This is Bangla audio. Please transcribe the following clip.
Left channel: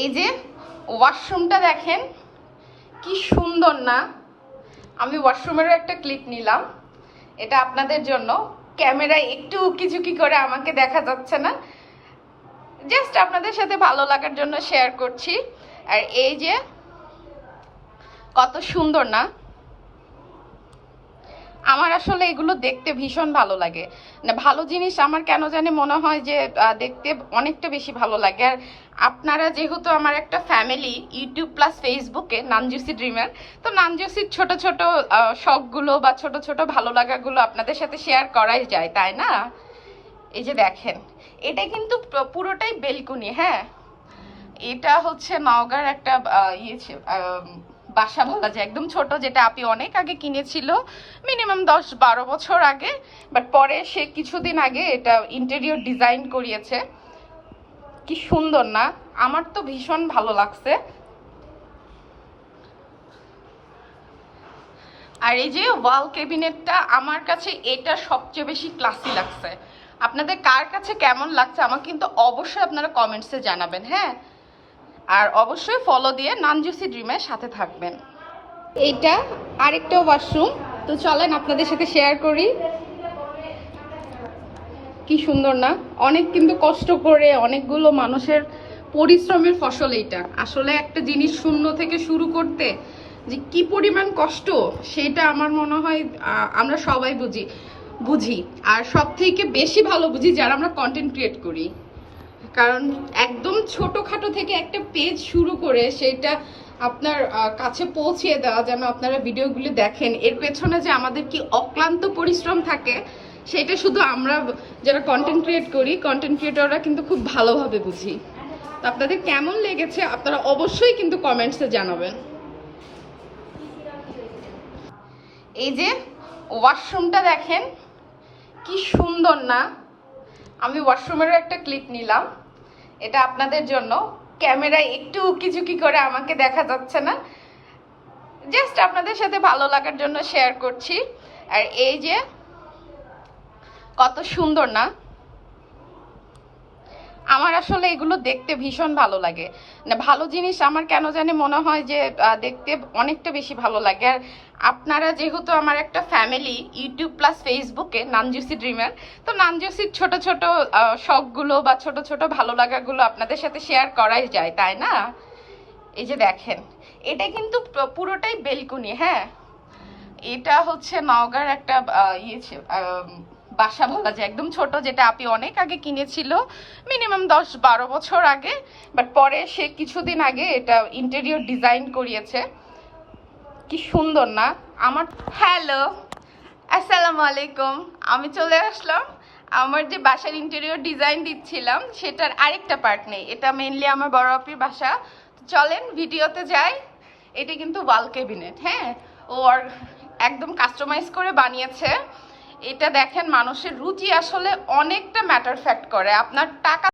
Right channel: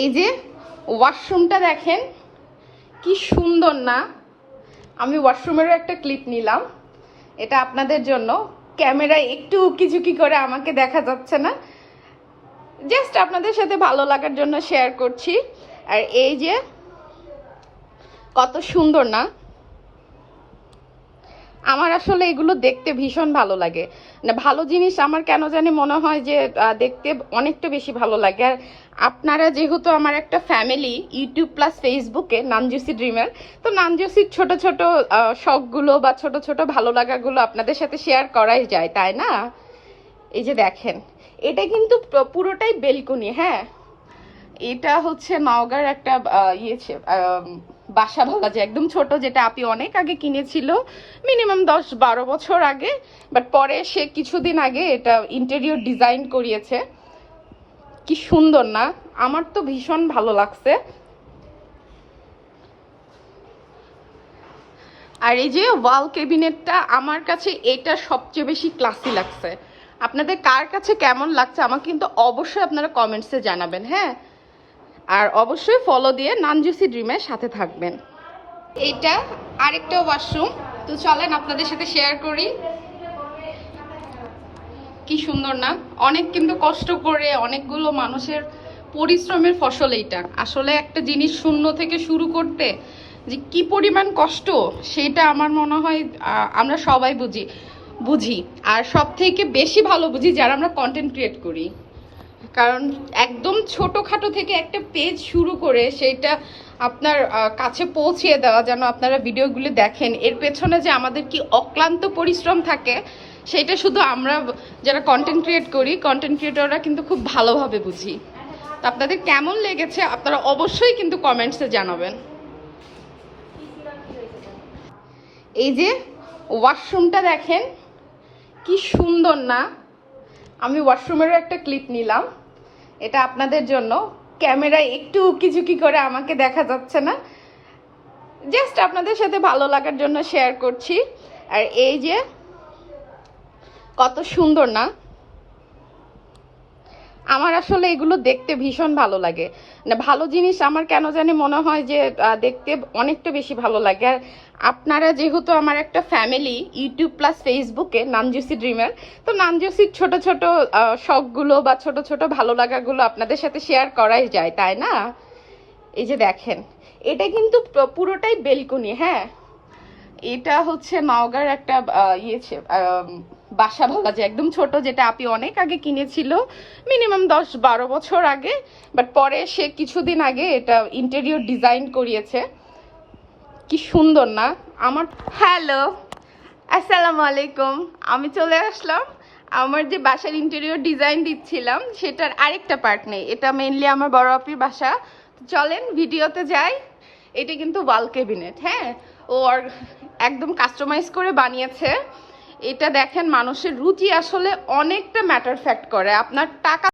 এই যে ওয়াশরুমটা দেখেন কি সুন্দর না। আমি ওয়াশরুমেরও একটা ক্লিপ নিলাম, এটা আপনাদের জন্য। ক্যামেরায় একটু উকিঝুঁকি করে আমাকে দেখা যাচ্ছে না, জাস্ট আপনাদের সাথে ভালো লাগার জন্য শেয়ার করছি। আর এই যে কত সুন্দর না, আমার আসলে এগুলো দেখতে ভীষণ ভালো লাগে। মানে ভালো জিনিস আমার কেন জানি মনে হয় যে দেখতে অনেকটা বেশি ভালো লাগে। আর আপনারা যেহেতু আমার একটা ফ্যামিলি, ইউটিউব প্লাস ফেসবুকে নানজুসি ড্রিমার, তো নানজুসির ছোট ছোট শখগুলো বা ছোট ছোট ভালো লাগাগুলো আপনাদের সাথে শেয়ার করাই যায়, তাই না? এই যে দেখেন, এটা কিন্তু পুরোটাই বেলকুনি। হ্যাঁ, এটা হচ্ছে নওগাঁর একটা বাসা বলা যায়, একদম ছোট, যেটা আপনি অনেক আগে কিনেছিল, মিনিমাম 10-12 বছর আগে। বাট পরে সে কিছুদিন আগে এটা ইন্টেরিয়র ডিজাইন করিয়েছে। কি সুন্দর না, আমার তো ভীষণ ভালো লাগছে। আর এই যে ওয়াল ক্যাবিনেটটা, আমার কাছে এটা সবচেয়ে বেশি ক্লাসি লাগছে। আপনাদের কার কাছে কেমন লাগছে আমাকে কিন্তু অবশ্যই আপনারা কমেন্টসে জানাবেন। হ্যাঁ, আর অবশ্যই ফলো দিয়ে নানজুসি ড্রিমের সাথে থাকবেন। এটা আরেকটা ওয়াশরুম, তো চলেন আপনাদের সাথে শেয়ার করি। কি সুন্দর না, অনেক কিন্তু কষ্ট করে অনেকগুলো মানুষের পরিশ্রমের ফসল এইটা। আসলে একটা জিনিস শূন্য থেকে শুরু করতে যে কি পরিমাণ কষ্ট, সেটা আমার মনে হয় আমরা সবাই বুঝি। আর সব থেকে বেশি ভালো বুঝি যারা আমরা কন্টেন্ট ক্রিয়েট করি। কারণ একদম ছোটখাটো থেকে একটা পেজ শুরু করে সেটা আপনার কাছে পৌঁছিয়ে দেওয়া, যেন আপনারা ভিডিওগুলো দেখেন, এর পেছনে যে আমাদের কি অক্লান্ত পরিশ্রম থাকে, সেটা শুধু আমরা যারা কন্টেন্ট ক্রিয়েট করি, কন্টেন্ট ক্রিয়েটররা কিন্তু খুব ভালোভাবে বুঝি। তো আপনাদের কেমন লেগেছে আপনারা অবশ্যই কিন্তু কমেন্টসে জানাবেন। এই যে ওয়াশরুমটা দেখেন কি সুন্দর না। আমি ওয়াশরুমেরও একটা ক্লিপ নিলাম, এটা আপনাদের জন্য। ক্যামেরায় একটু উকিঝুঁকি করে আমাকে দেখা যাচ্ছে না, জাস্ট আপনাদের সাথে ভালো লাগার জন্য শেয়ার করছি। আর এই যে কত সুন্দর না, আমার আসলে এগুলো দেখতে ভীষণ ভালো লাগে। মানে ভালো জিনিস আমার কেন জানি মনে হয় যে দেখতে অনেকটা বেশি ভালো লাগে। আর আপনারা যেহেতু আমার একটা ফ্যামিলি, ইউটিউব প্লাস ফেসবুকে নানজুসি ড্রিমার, তো নানজুসির ছোট ছোট শখগুলো বা ছোট ছোট ভালো লাগাগুলো আপনাদের সাথে শেয়ার করাই যায়, তাই না? এই যে দেখেন, এটা কিন্তু পুরোটাই বেলকুনি। হ্যাঁ, এটা হচ্ছে নওগাঁর একটা বাসা বলা যায়, একদম ছোট, যেটা আপনি অনেক আগে কিনেছিল, মিনিমাম 10-12 বছর আগে। বাট পরে সে কিছুদিন আগে এটা ইন্টেরিয়র ডিজাইন করিয়েছে। কি সুন্দর না আমার। হ্যালো, আসসালামু আলাইকুম। আমি চলে আসলাম আমার যে বাসার ইন্টেরিয়র ডিজাইন দিচ্ছিলাম সেটার আরেকটা পার্ট নেই, এটা মেইনলি আমার বড় আপির বাসা। চলেন ভিডিওতে যাই। এটা কিন্তু ওয়াল ক্যাবিনেট। হ্যাঁ, ও আর একদম কাস্টমাইজ করে বানিয়েছে। এটা দেখেন, মানুষের রুচি আসলে অনেকটা ম্যাটার ফ্যাক্ট করে। আপনার টাকা